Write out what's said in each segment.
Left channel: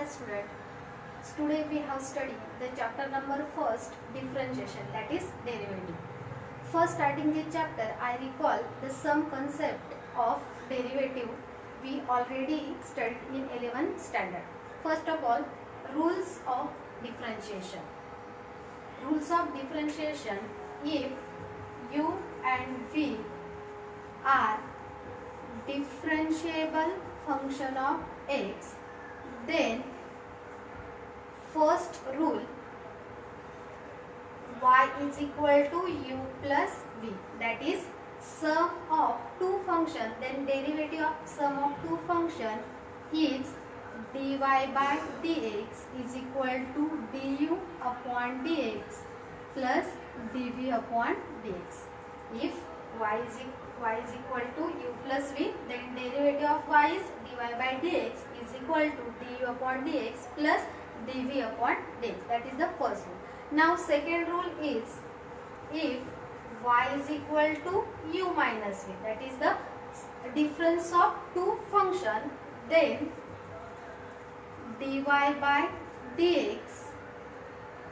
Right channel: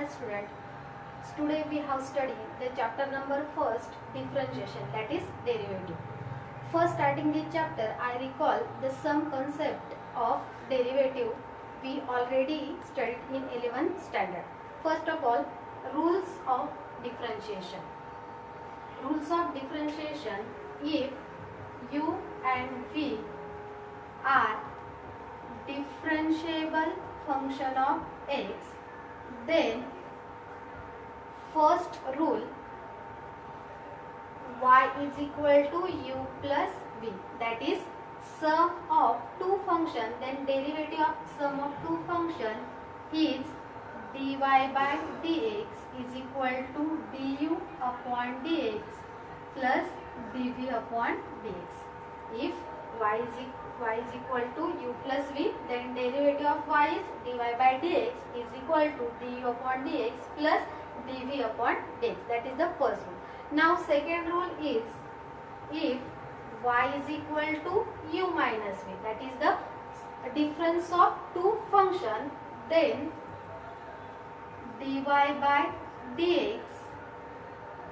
Hi student. Today we have studied the chapter number first, differentiation, that is derivative. First starting the chapter, I recall the sum concept of derivative we already studied in 11th standard. First of all, rules of differentiation. Rules of differentiation: if u and v are differentiable function of x, then first rule, y is equal to u plus v, that is sum of two function, then derivative of sum of two function is dy by dx is equal to du upon dx plus dv upon dx. If y is equal to u plus v, then derivative of y is dy by dx is equal to du upon dx plus dv upon dx. That is the first rule. Now second rule is, if y is equal to u minus v, that is the difference of two function, then dy by dx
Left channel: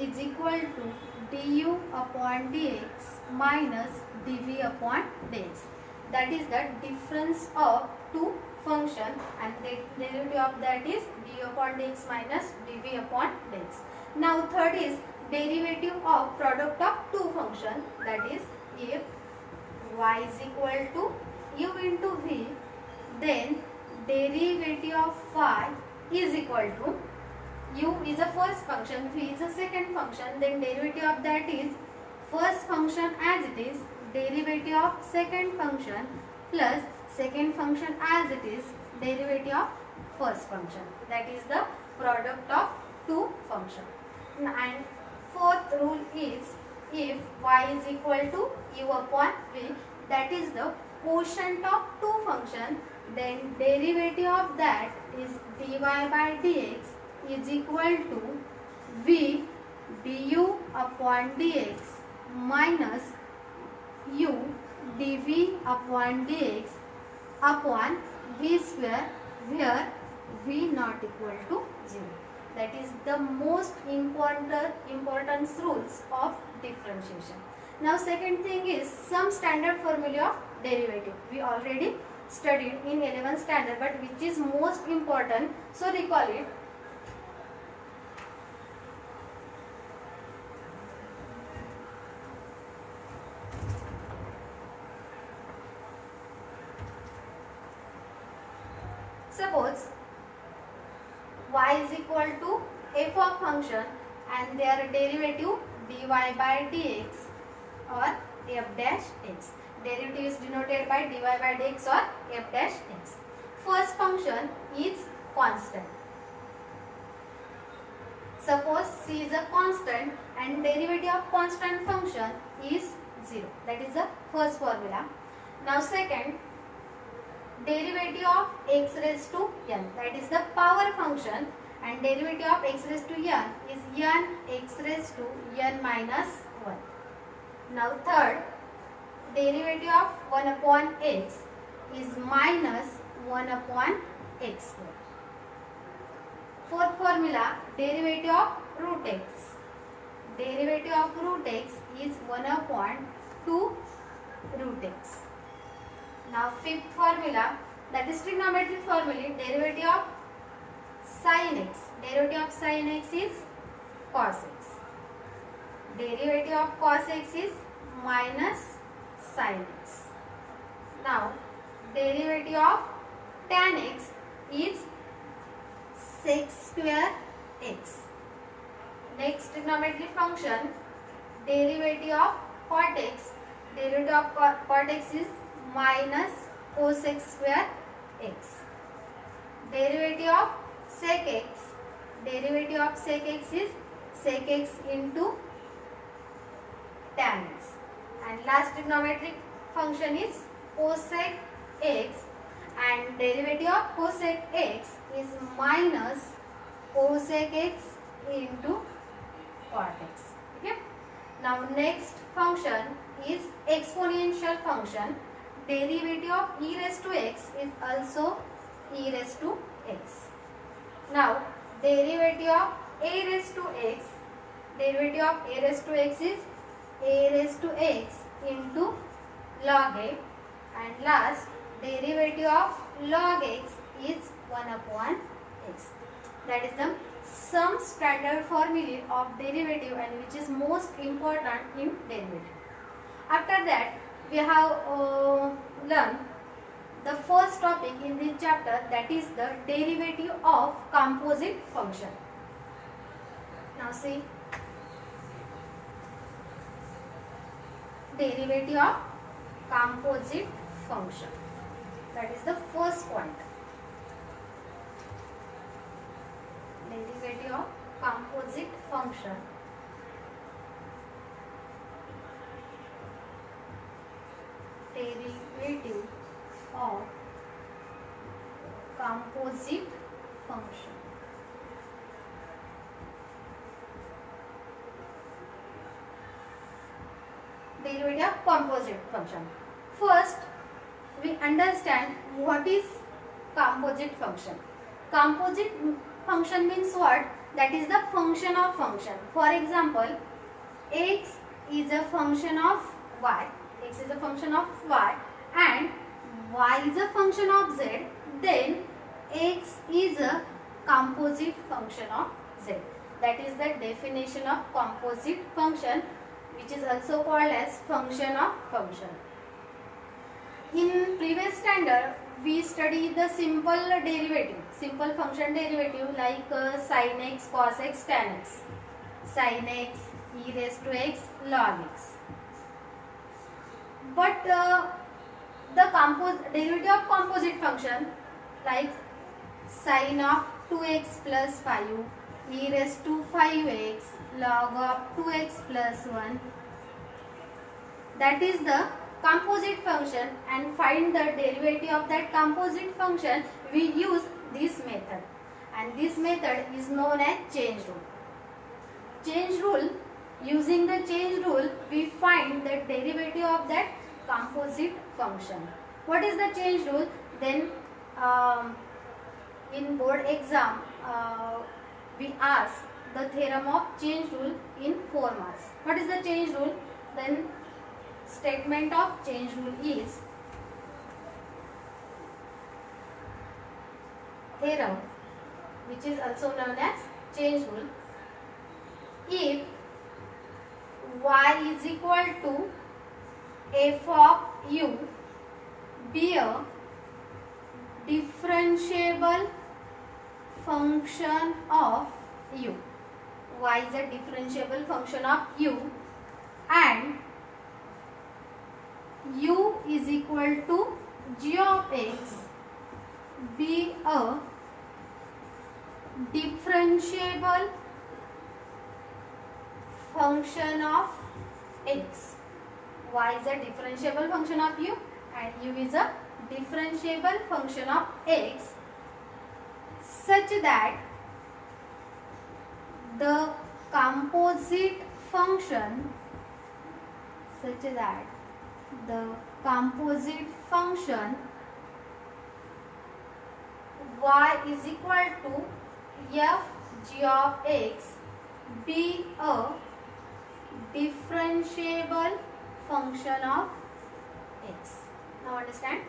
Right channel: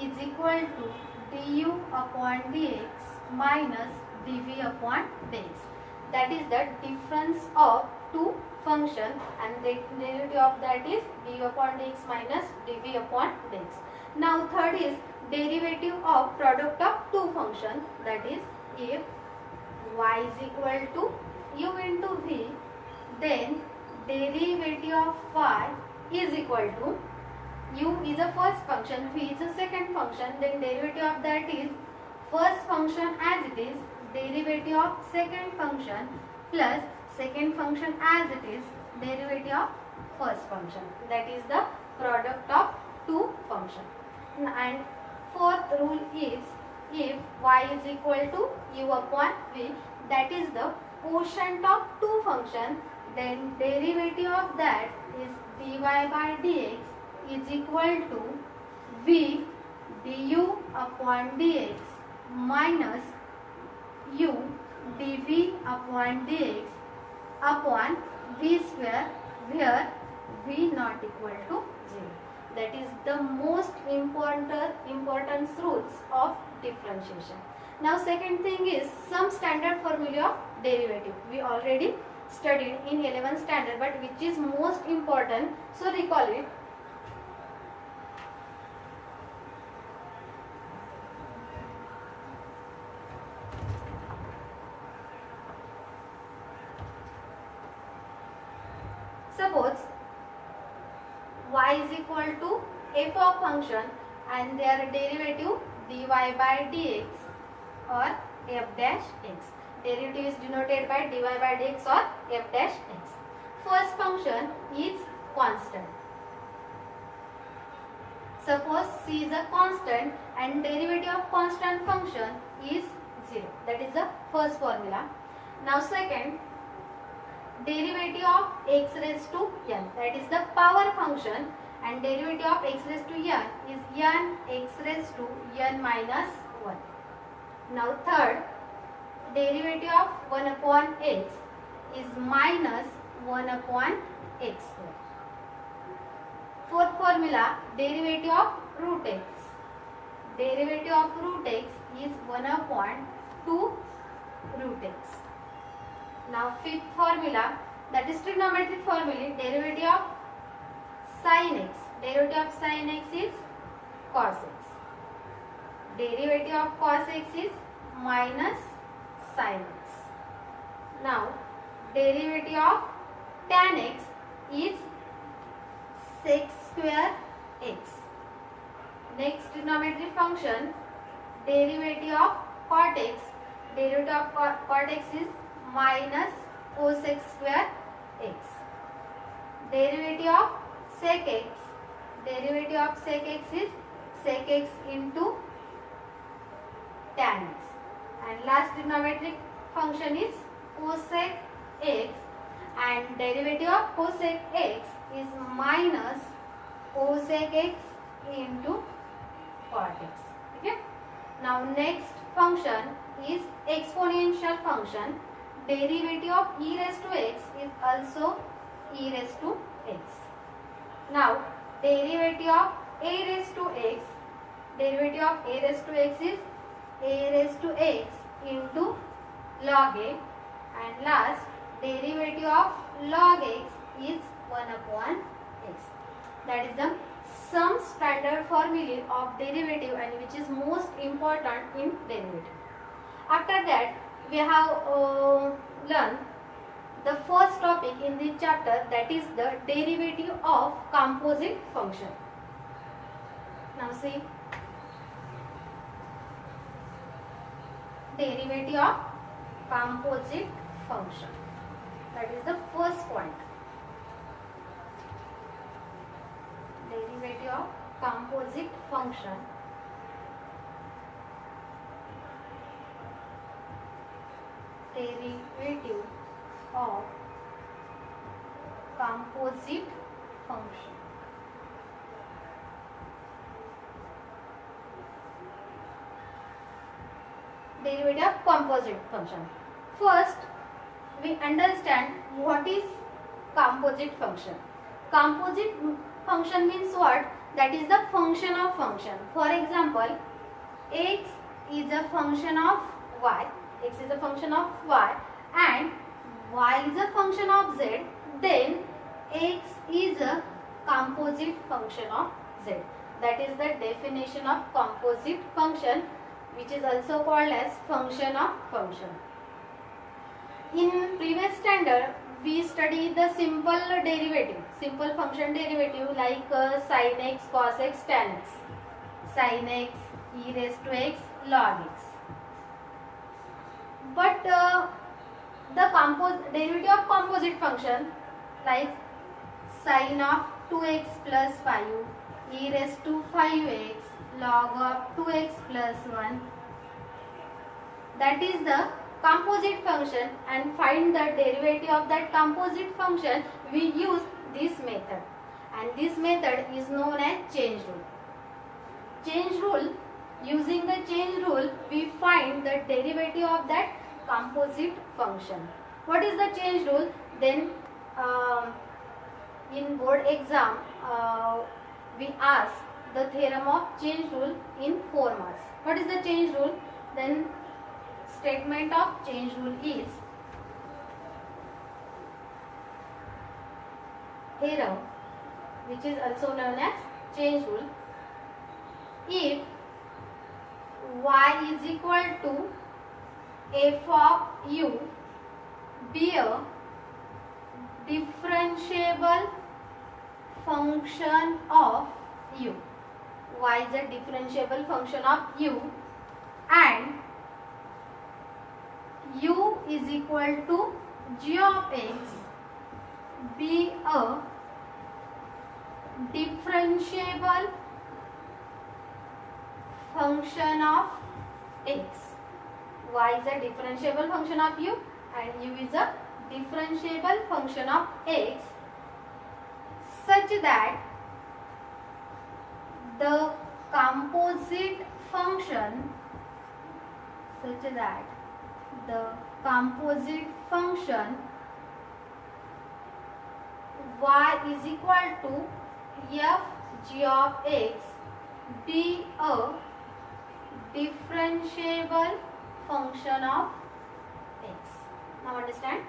is equal to du upon dx minus dv upon dx. That is the difference of two function, and the derivative of that is du upon dx minus dv upon dx. Now third is derivative of product of two function, that is if y is equal to u into v, then derivative of y is equal to, u is a first function, v is a second function, then derivative of that is first function as it is, derivative of second function plus second function as it is, derivative of first function. That is the product of two function. And fourth rule is, if y is equal to u upon v, that is the quotient of two function, then derivative of that is dy by dx is equal to v du upon dx minus u dv upon dx upon v square, where v not equal to 0. That is the most important rules of differentiation. Now second thing is some standard formula of derivative. We already studied in 11th standard, but which is most important, so recall it. Suppose y is equal to f of function and their derivative dy by dx or f dash x. Derivative is denoted by dy by dx or f dash x. First function is constant. Suppose c is a constant and derivative of constant function is 0. That is the first formula. Now second, derivative of x raised to n, that is the power function, and derivative of x raised to n is n x raised to n minus 1. Now third, derivative of 1 upon x is minus 1 upon x square. Fourth formula, derivative of root x. Derivative of root x is 1 upon 2 root x. Now fifth formula, that is trigonometric formula, derivative of sin x. Derivative of sin x is cos x. Derivative of cos x is minus sin x. Now derivative of tan x is sec square x. Next trigonometric function, derivative of cot x. Derivative of cot x is minus cos x square x. Derivative of sec x. Derivative of sec x is sec x into tan x. And last trigonometric function is cosec x, and derivative of cosec x is minus cosec x into cot x. Okay. Now next function is exponential function. Derivative of e raised to x is also e raised to x. Now derivative of a raised to x, derivative of a raised to x is a raised to x into log a, and last derivative of log x is 1 upon x. That is the some standard formula of derivative and which is most important in derivative. After that we have learned the first topic in this chapter, that is the derivative of composite function. Now see, derivative of composite function, that is the first point. Derivative of composite function. Derivative of composite function. Derivative of composite function. First, we understand what is composite function. Composite function means what? That is the function of function. For example, x is a function of y, x is a function of y, and y is a function of z, then x is a composite function of z. That is the definition of composite function, which is also called as function of function. In previous standard, we studied the simple derivative, simple function derivative like sin x, cos x, tan x, sin x, e raised to x, log x. But the derivative of composite function like sin of 2x plus 5, e raised to 5x, log of 2x plus 1, that is the composite function, and find the derivative of that composite function, we use this method, and this method is known as change rule. Change rule, using the change rule we find the derivative of that composite function. What is the change rule? Then in board exam we ask the theorem of change rule in 4 marks. What is the change rule? Then statement of change rule is theorem, which is also known as change rule. If y is equal to f of u be a differentiable function of u, y is a differentiable function of u, and u is equal to g of x be a differentiable function of x. Y is a differentiable function of u and u is a differentiable function of x, such that the composite function y is equal to f g of x be a differentiable function of x. Now understand,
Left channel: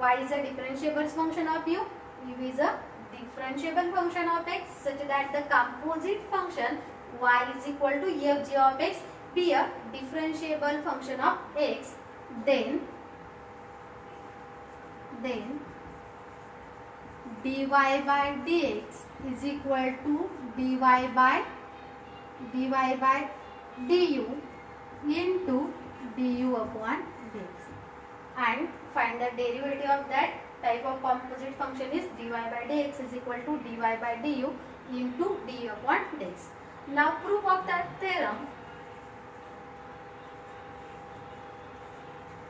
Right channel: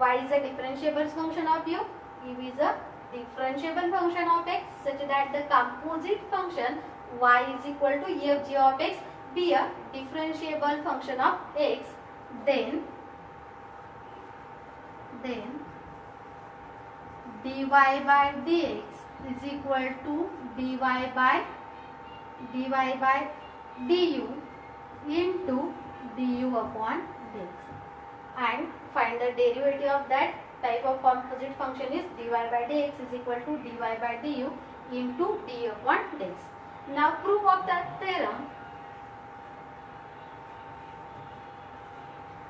y is a differentiable function of u, u is a differentiable function of x, such that the composite function y is equal to f g of x be a differentiable function of x, then dy by dx is equal to dy by du into du upon dx, and find the derivative of that type of composite function is dy by dx is equal to dy by du into du upon dx. Now proof of that theorem.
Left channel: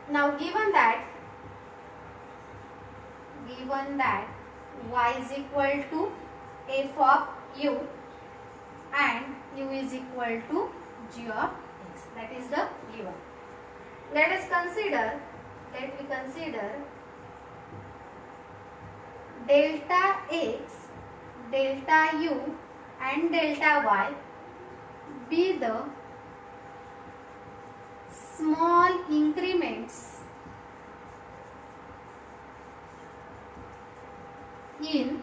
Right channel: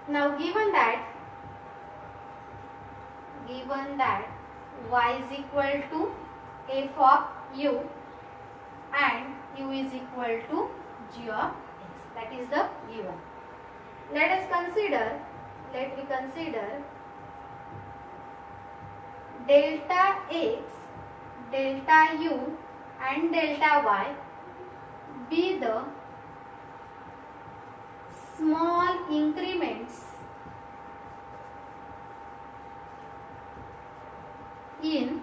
Now given that y is equal to f of u and u is equal to g of x, that is the given. Let we consider delta x delta u and delta y be the small increments in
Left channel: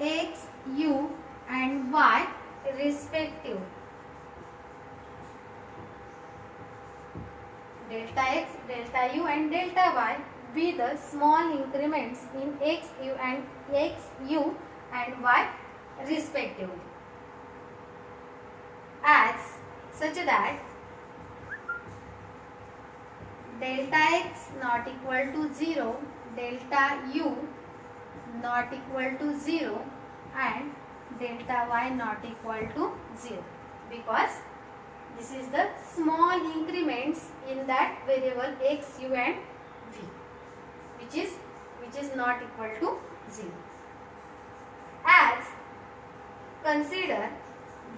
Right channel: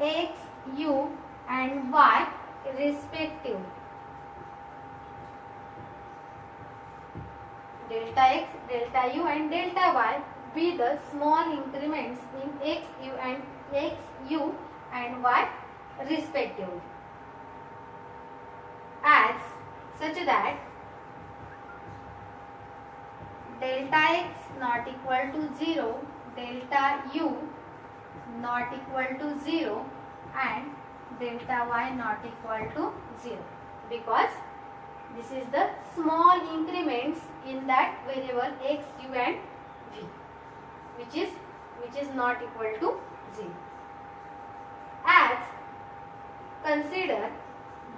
x, u and y respectively. Delta x, delta u and delta y be the small increments in x, u and y respectively, as such that delta x not equal to 0, delta u not equal to 0 and delta y not equal to 0, because this is the small increments in that variable x, u and v, which is not equal to 0. As consider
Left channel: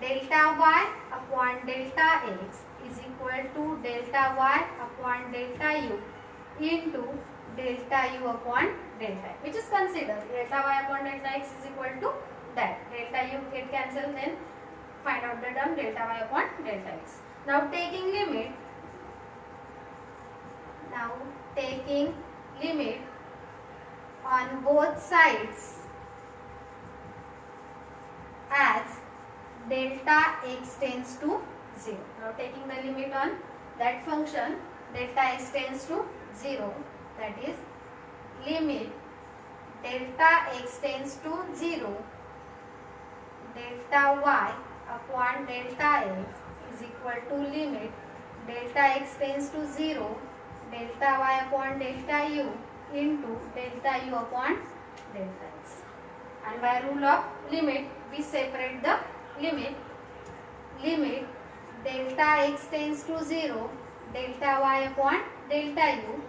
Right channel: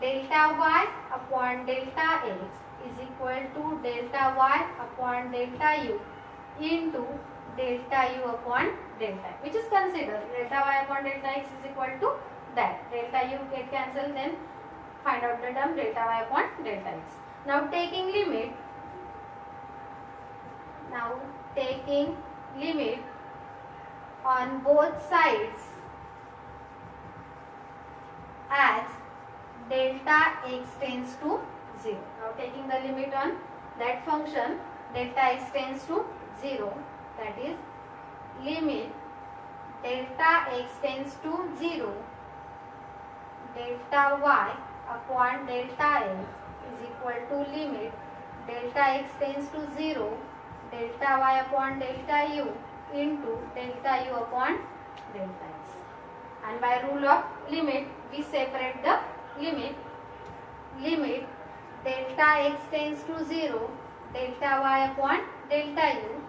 delta y upon delta x is equal to delta y upon delta u into delta u upon delta x, which is considered delta y upon delta x is equal to that. Delta u get cancelled, then find out the term delta y upon delta x. Now taking limit on both sides as delta x tends to 0. Now taking the limit on that function delta x tends to 0, that is limit delta x tends to 0, delta y upon delta x is equal to limit delta x tends to 0, delta y upon delta u into delta u upon delta x. And by rule of limit we separate the limit delta x tends to 0, delta y upon delta u,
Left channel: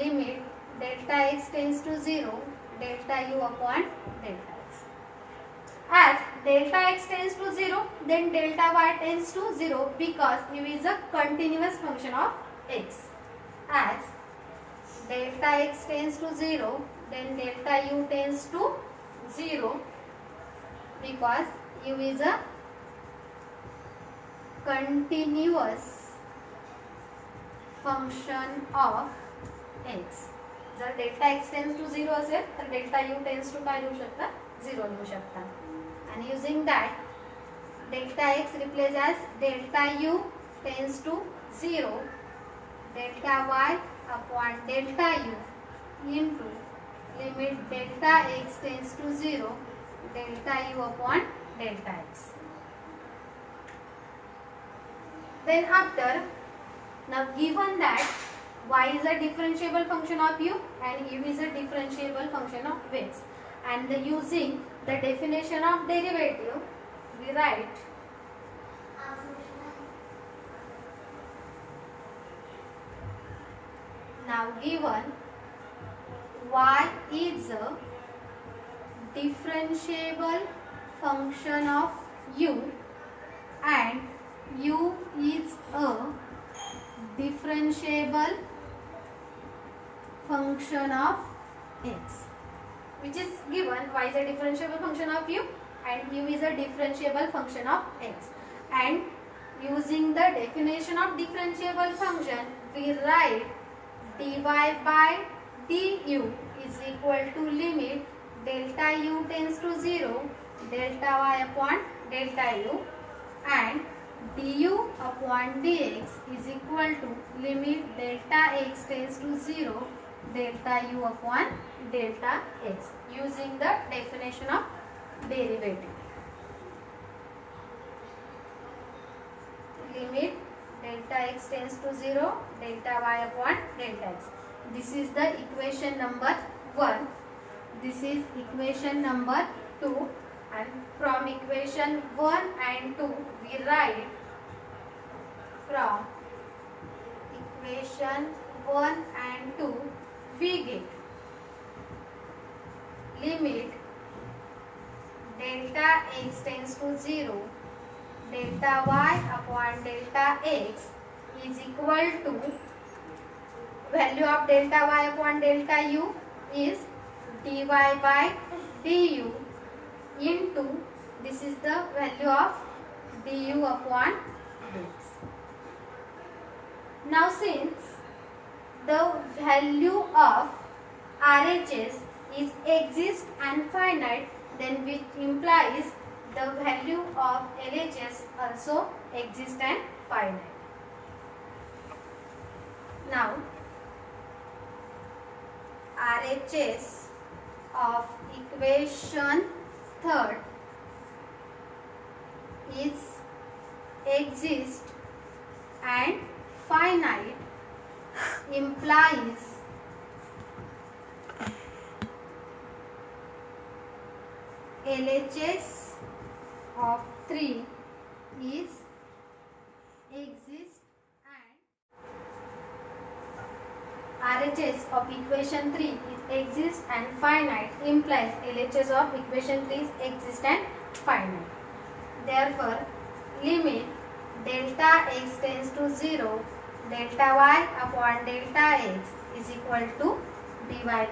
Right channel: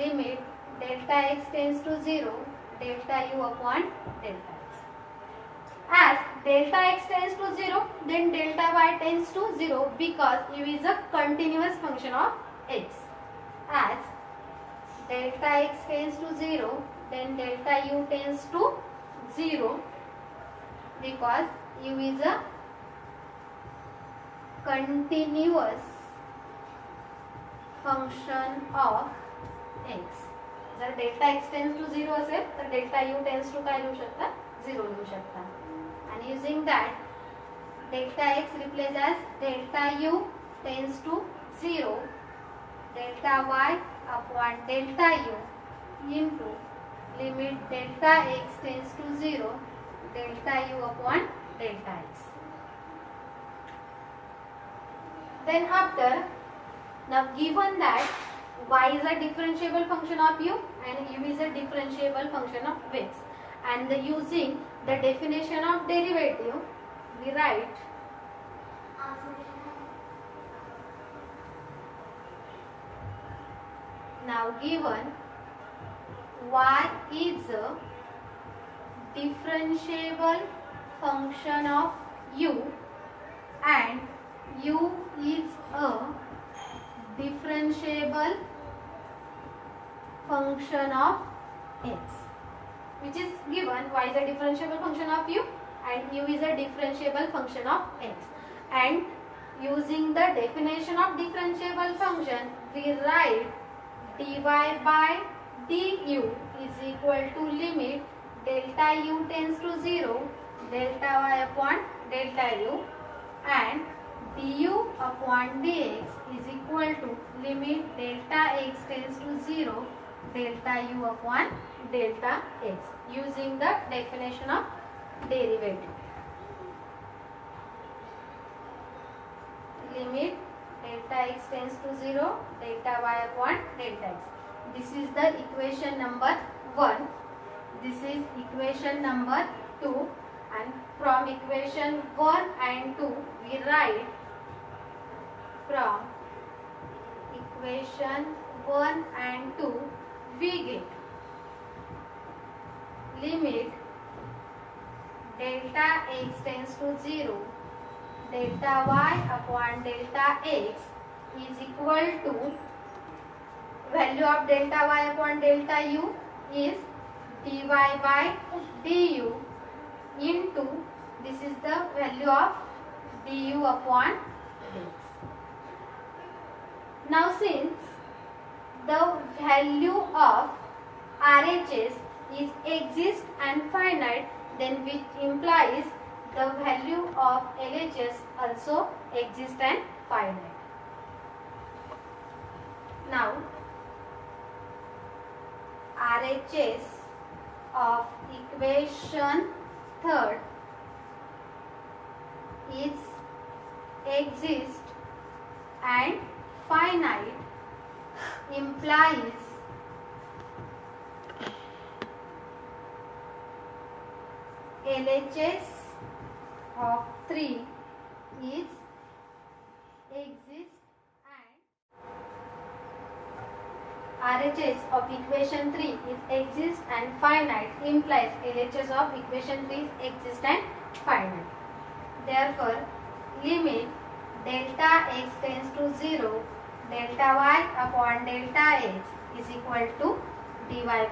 limit delta x tends to 0, delta u upon delta x. As delta x tends to 0, then delta y tends to 0, because u is a continuous function of x. As delta x tends to 0, then delta u tends to 0, because u is a continuous function of x. जर delta x tends to 0 असेल तर delta u tends to काय लिहू शकता, 0 लिहू शकता. And using that delta x replace as delta u tends to 0, delta y upon delta u into limit delta x tends to 0, delta u upon delta x. Then after, now given that y is a differentiable function of u and u is a differentiable function of x, and using the definition of derivative we write now given y is a differentiable function of u and u is a differentiable function of x, which is given y is a differentiable function of u and u is a differentiable function of x, and using the definition of differentiable function we write dy by du is equal to limit delta u tends to 0, delta y upon delta u, and du upon dx is equal to limit delta x tends to 0, delta u upon delta x, using the definition of derivative. Limit delta x tends to 0, delta y upon delta x. This is the equation number 1. This is equation number 2, and from equation 1 and 2 we write from equation 1 and 2 we get limit delta x tends to 0, delta y upon delta x is equal to value of delta y upon delta u is dy by du into, this is the value of du upon dx. Now since the value of RHS is exist and finite, then which implies the value of LHS also exist and finite. Now RHS of equation third is exist and finite implies LHS of 3 is exist and RHS of equation 3 is exist and finite implies LHS of equation 3 is exist and finite. Therefore, limit delta x tends to 0, delta y upon delta x is equal to dy by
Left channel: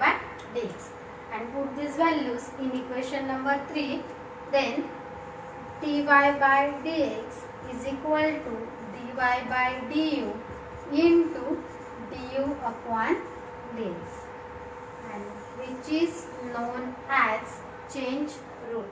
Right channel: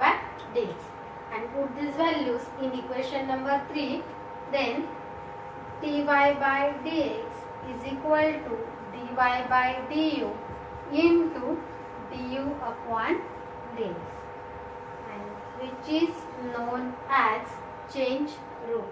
dx, and put these values in equation number 3, then dy by dx is equal to dy by du into du upon dx, and which is known as change rule.